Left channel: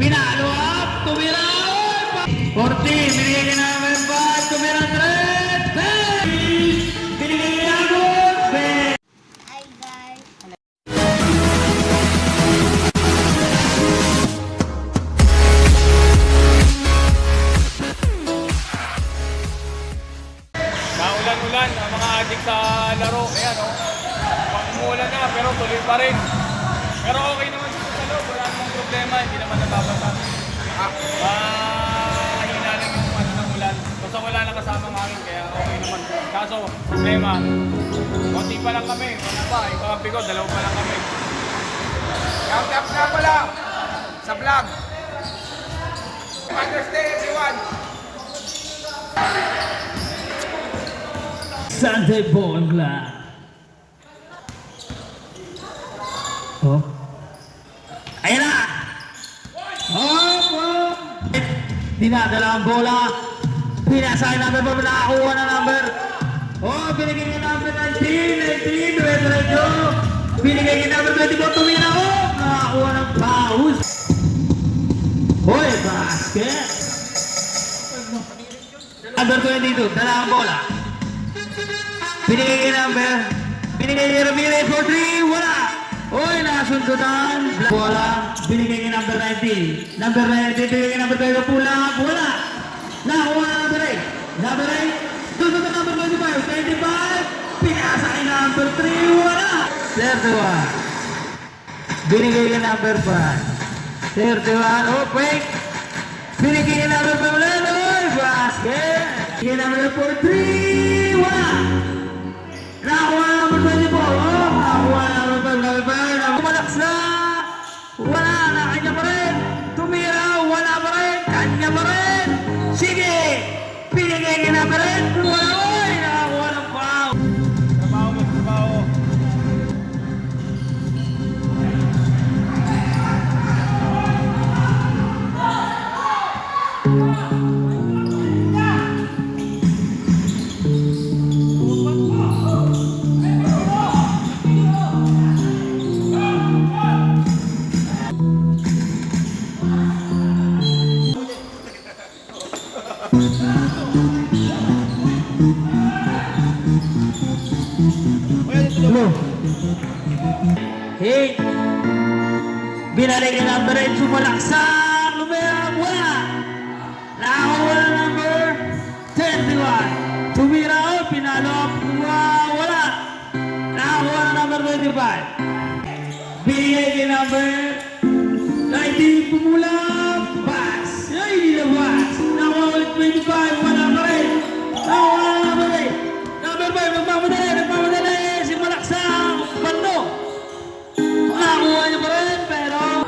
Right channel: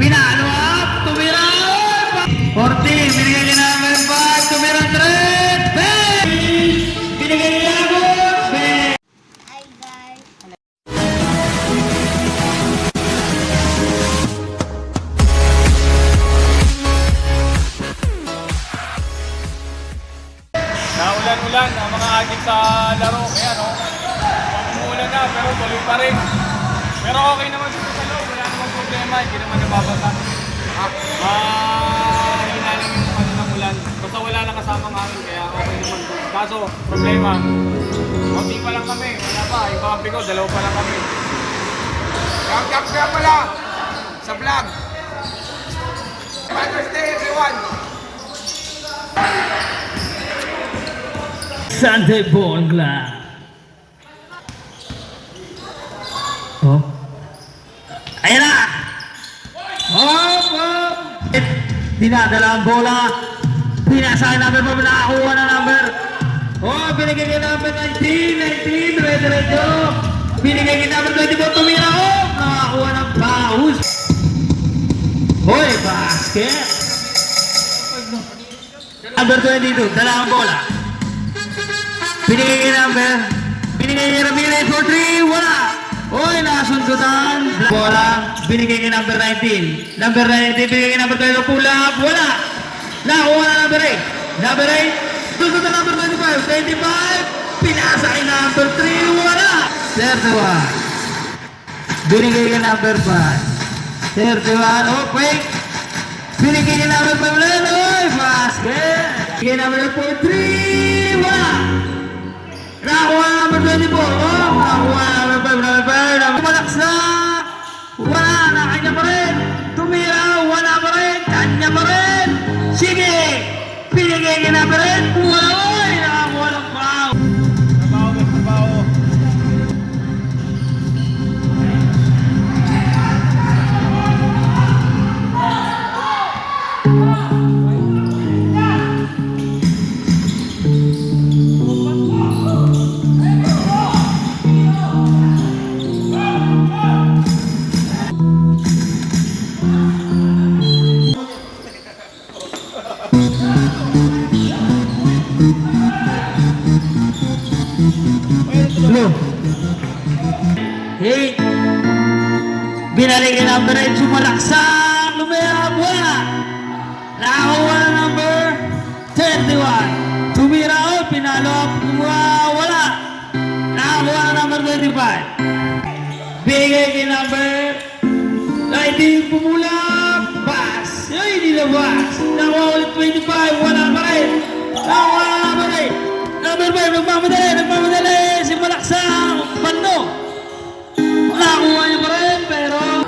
Pinalo up, tumira. 40, binigay ni number 5, tumira 3. Binigay ni Agos. Hi guys. Naulan-ulan ang mga adik sa laro. Kaya no, umuulan na pero tuloy pa rin. Pero okay naman dito sa loob, wala namang problema, hindi naman nababasa. Mahina lang yung ano ng ulan. Basta wala na kasamang hangin, kaya okay naman. Kaso, problema, konti pa lang kami, wala pa, yung kampi ko, dalawa pa lang kami. Shout nga pala sa vlog. Mother's Day everyone. Sunday Ball Club. Oh. Ayan na! Hop! Hop! Dinadala ang bola. Pinasa ang number mo. Nakakuha na number. Oh, binigay niya number 19. Diretso. Binigay niya number 24. Tumira ko. Nakakuha ng paus. Hoy, basket. Number 22. Dala ang bola. Binigay niya number. Binigay niya Ramirez for 3. Wala. Uy, nakasundutan. Bola, binigay niya number 19. Number 19, binigay niya number 12. Pulang, wala. Nakuha na number 8. Number 8, sundutan number 25. 25, pinasa kay number 3. Wala. 31. Binigay niya number 5. 31, oh, quick. Binigay niya number 5 ulit. Uy, basket. Binigay number 3. Wala. Nakuha na number 24. Oh, nakuha na number 5. Malaksak. Wala na, kanya pa rin. Tumira, wala pa rin. Kanya pa rin. Sige. Pinigay niya na pa rin. Wala, oy. Nakakuha ng foul. Trabaho mo, trabaho. Hello. Hey. Binalik ni number 8. Sumalaksak. Lumayab. Wala. Nakakuha na number 31. Tumira. Oh, pinalo. Wala. Nakakuha na number 25. Binigay ni number 19. Pumulap. Pass. Ay, hindi na pass. Nakakuha ulit 25. Wala pa rin. Nakakuha na number 8. Number 5. Nagmamadali. Nagmamadali. Si Malaksak. Bando. Nakakuha niya pa rin. Pero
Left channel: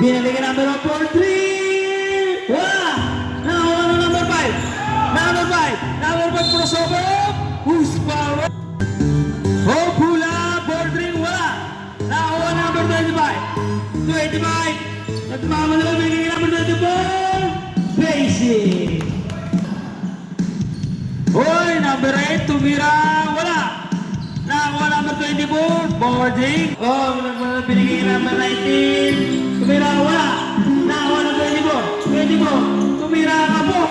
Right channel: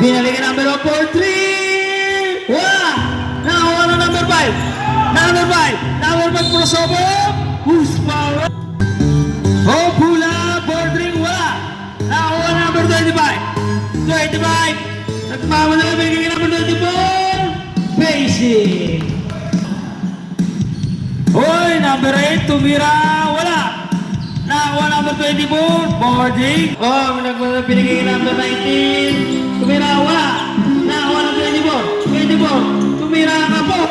binalik ang number 4-3. Wala. Nakakuha na number 5. Number 5. Number 5 crossover. Who's power? Oh, pula. 4-3. Wala. Nakakuha na number 25. 25. Nagmamadali. Binigay ang number 24. Basic. Hoy, number 8, tumira, wala. Nakakuha number 24, boarding. Oh, binigay number 19, tumira, wala. Nakakuha number 24, tumira ka po.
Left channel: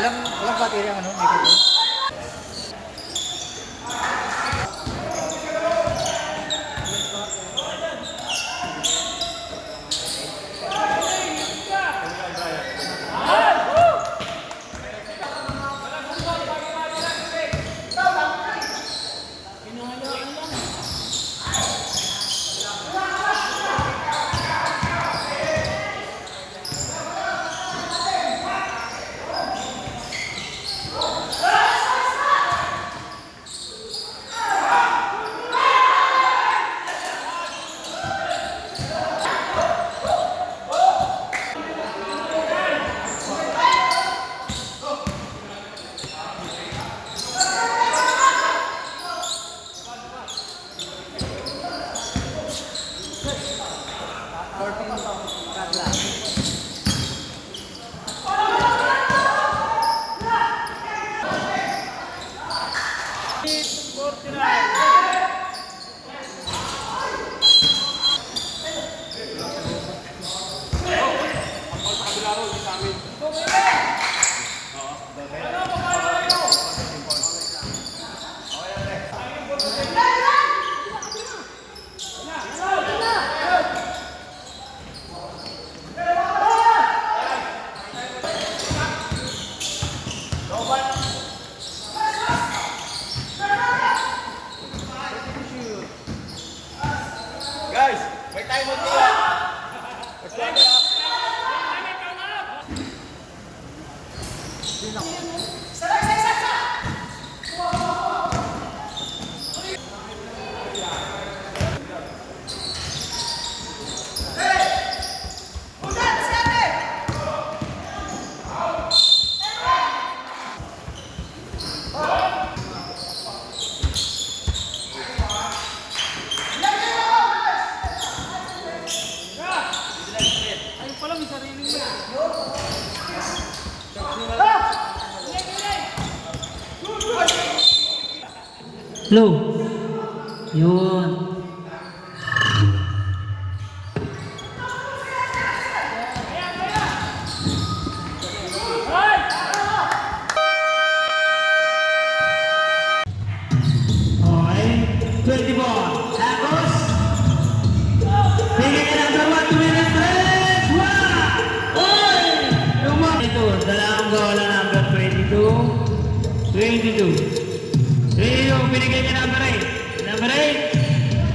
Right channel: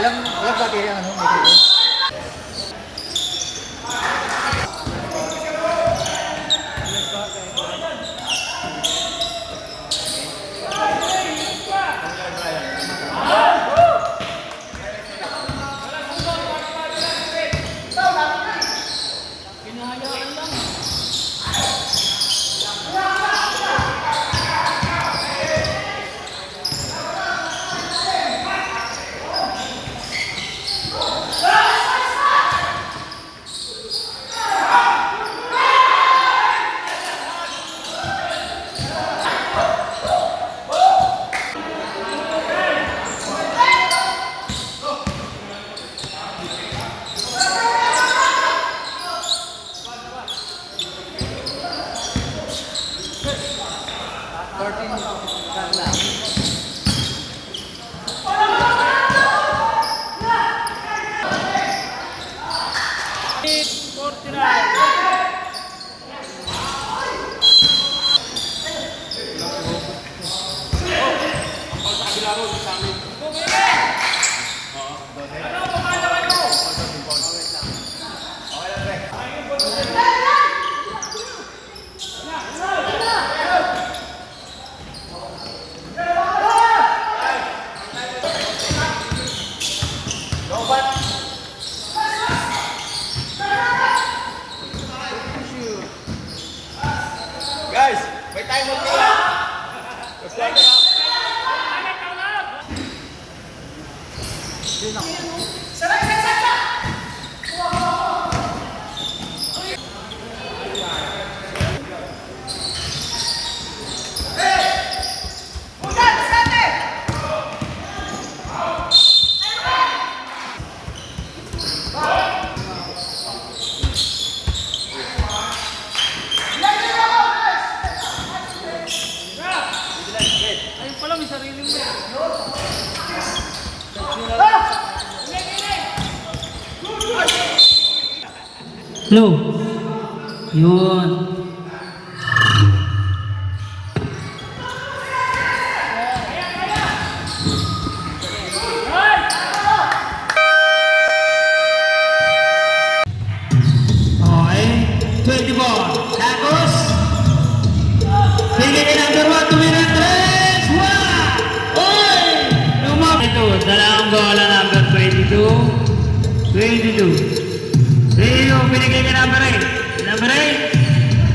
Walang battery ang ano, may Guys, may timer po. Blue. Yun. Okay. 24. Tapos. Sige ka number 1. Tumira 3. Wow! Oy! Ito. Dalawang bola number 22. 22. Rio, binigay ka number 8. Number 8.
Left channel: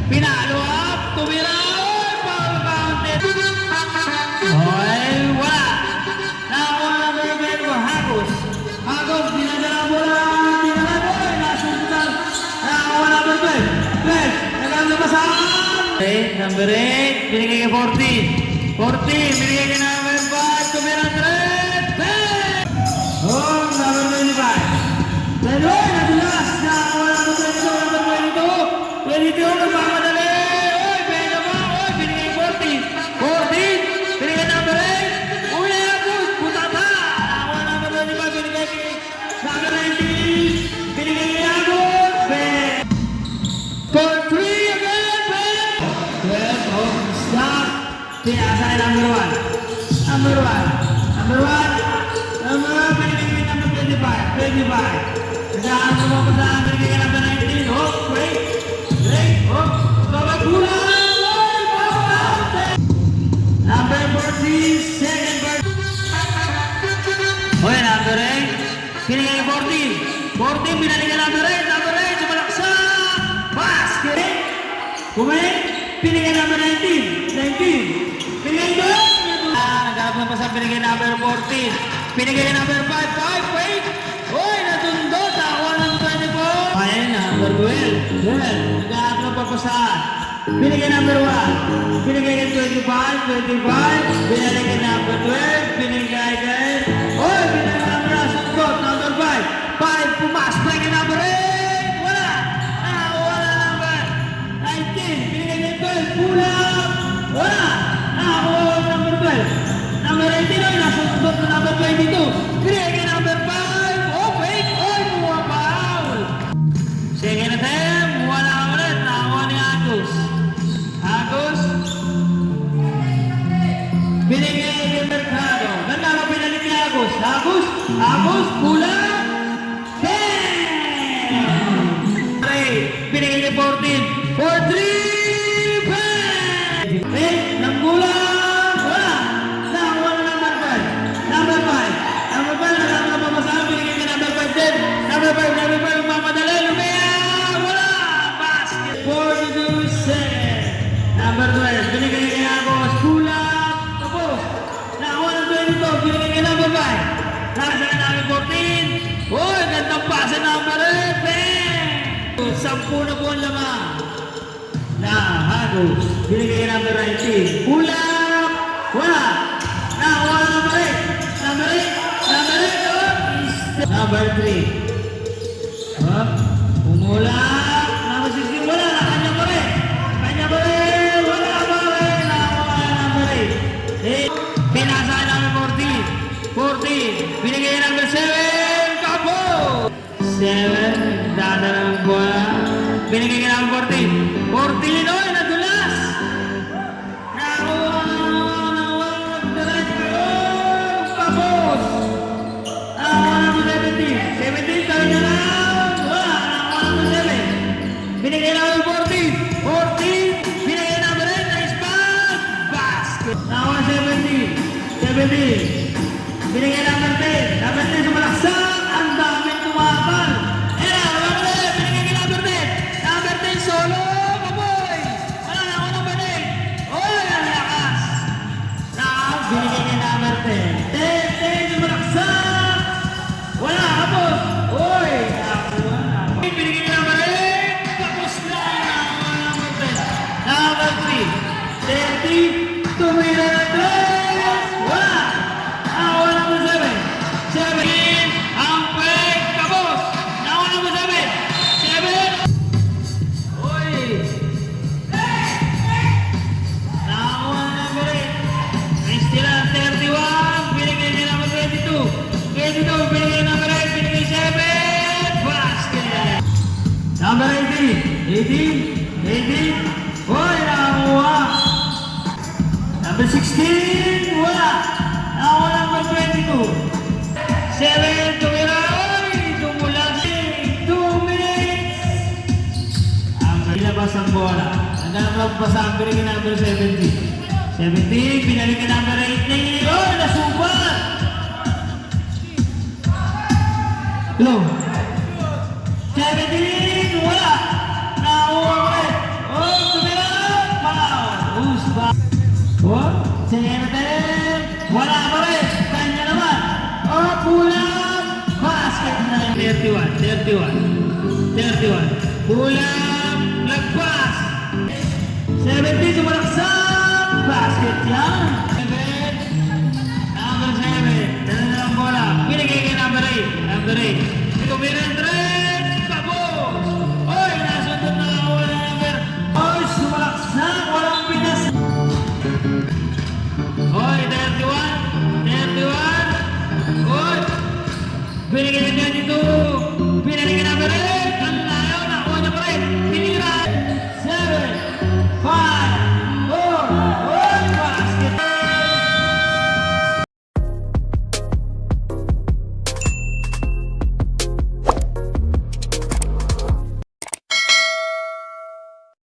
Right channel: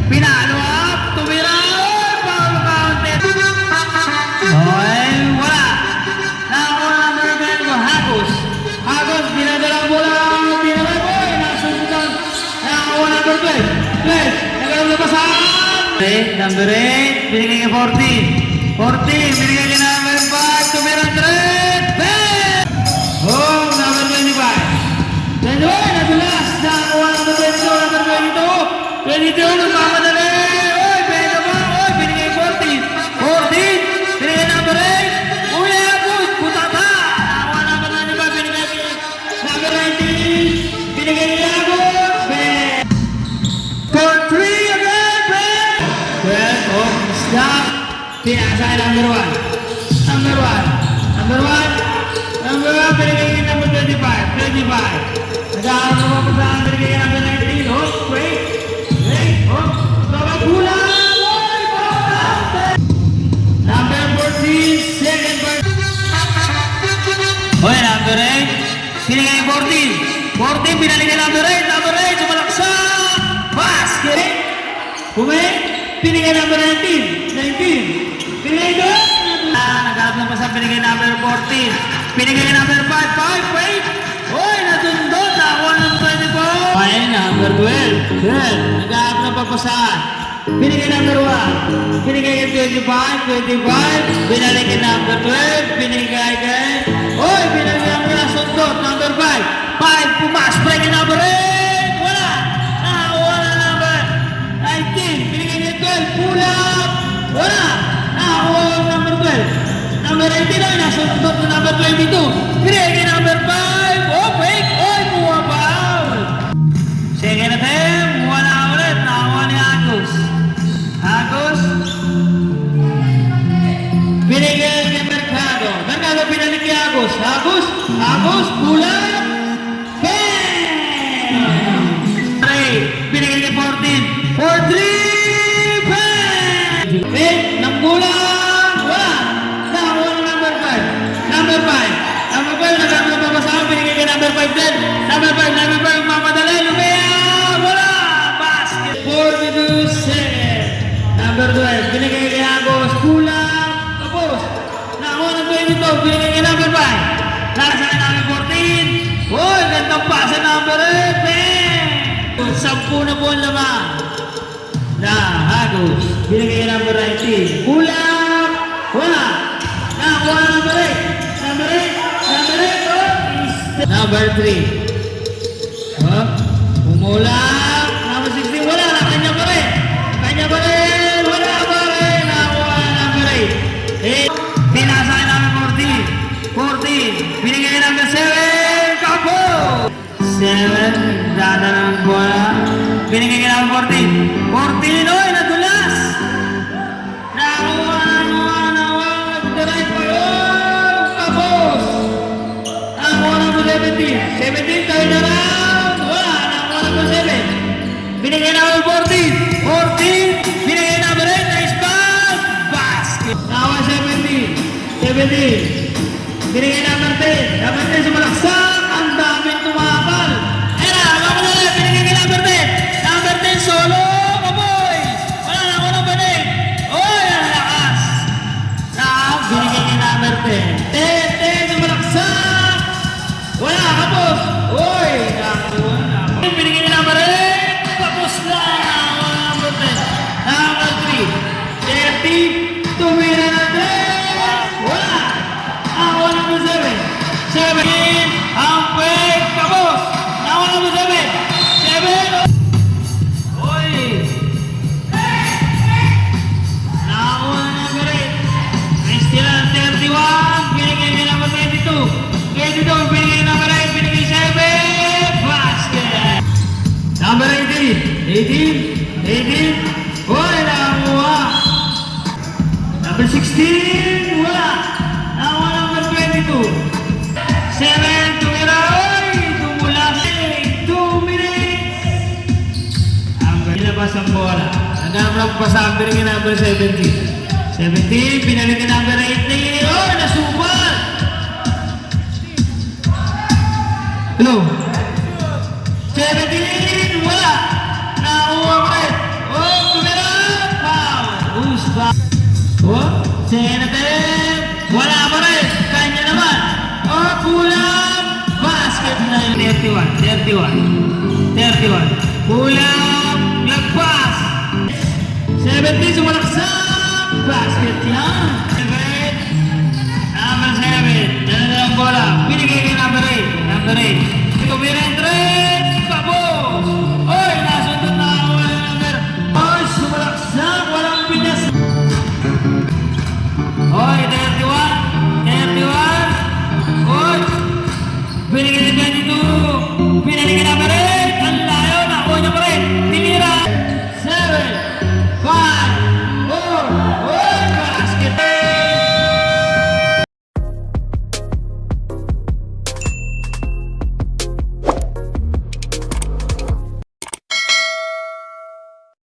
Pinalo up. Tumira. Power counter. Okay. Wala. Nakakuha number 12. Hagos. Hagos. Binadalang bola. Tinala mo. Nasundan. Nakakuha number 12. Flash. Nagalabasan. Number 8. Binigay ka 14. 14. Binigay ka number 5. Tumira 3. Bang! Home number 25. Dalawa. Nadulas. Nakakuha ng potensyo. Number 22. 22. Nagkamadali. Oy, binigay ba? Oy, binigay 14. 14. Binigay number 8. Uy, Agos. Puta ka. Nakakuha number 25. Binigay number 19. Binigay ni Agos. Binigay. For 3 again. Bang! 12. Oh, stop. Pinasa number 1. Number 1. Number 1. Number 1. Binigay ni number 25. 25. Saan mo ba saan binigay ka number 19? Oh, wait. Wait. Oh, sabay kulang. Oy, bakit? Number 14. Second part. Oy, number 8. Binigay 14. 14. Binigay ka number 8. Number 8. Sumalaksak. Basket. Kumay. Binigay number 19. 19. Binigay doon. Nagharap na pa sa binigay number 14. Binigay number 5. 5. Wait. Oy, natundot. Ako ng 24. Okay, number 12. Good. Nagharap na pa pa sa binigay number 1. Binigay ka 25. 25. Binigay ka number 12. Binigay ka. Oy, binigay number nasundot. Number 5. 5. Pumas. Binigay number 8. Wala. Nakakuha na number 19. Binigay ka 12. Pulang. Wala. Nakakuha ng number 12. Number 18 ay nasundot na number 22. Binigay ka number 5. Oh, wait. Oy, kuha pa. Second attempt. Wala ulit. Nakakuha ni Agos. Agos. Binigay kay Mercado. Mercado pinalik ni Agos. Agos. Agos, Agos, kulang. Bang! Binigay ni 14. 4-3. Bang! Ng kulang. Wala. Nakakuha na number 5. Number 5. Number 5. Nakakapapasama. Binigay ni number 5 din. Number 5. Mamadali. Lumiyak. Wala. Basket. 42-7. Number 12. Binigay ni Agos. Kulang. Tapos. Nakakuha ng 22. Binigay ni number 5. Nasa number 14. Uy, gandang pasa number 8. Bang! 10 na po ang lamang. Na Agos. Binigay ni number 19. Kulang. Wala. Nakakuha ng number 8. Number 8. Number 8. Oh. Number 3. Oh. Umulang. Number 16. Wala. Kanya pa rin. Kanya pa rin. Wala pa rin. Nakakuha ng number 8. Pinasa ng number 14. 14. Binigay ng number 7. Kapo. 7. Dada ng bola. Binigay ng number 14. 14. Oy, nadulas. Nakakuha ng right pa. Oh, kapos. Nakakuha ng number 17. 17. Tawid na round. Wala. Nakakuha ng number 7. Binigay ng number 14. 14. Binigay ng number 8. Nice ball. Basket. Nakakuha 17. 17. Binigay number 10. Number 10 sumalaksak. Ang daming tumakal. Binigay kay number 10. Number 10 solo. Kaboy. Wala na ako ng banig. Oy, ang lakas. Binigay kay number 10. 10 sumalaksak. Wala, kapos. Oy, nakakuha na. Binigay kay number 8. Kapos na. Number 10. Number 3. 30. Tumira na 10. Wala. Nakakuha number 7. 7. Ang peg. Kapos. Nakakuha number 7. 7. Oy. Nakakuha number 8. Nice steal ang 31. Binigay niya number 22. 22. Binigay number 8. Binigay 7. Basket. Number 18. 18. Oy, nakakuha. Number 16. Wala. Nakakuha number 22. 7. Tumira. Oy, tumula. 2 minutes. Ilabas ang bola. Nagkamlang pasang binigay number 17. 17. Pinalik ang number 18. Oy, nasubal. Hello. 17. Wala. Nakakuha pa rin. Oh, tumira. Foul. Usba. Oh, 10. Wala pa rin. Kanya naman. Oh, kulang. Basket na yun. 31. Kulang. Lagpas. 70. Sumalaksak. Basket yan. Number 7. Dala-dalang bola. Binigay kay number 8. Number 8. Ito, Biren.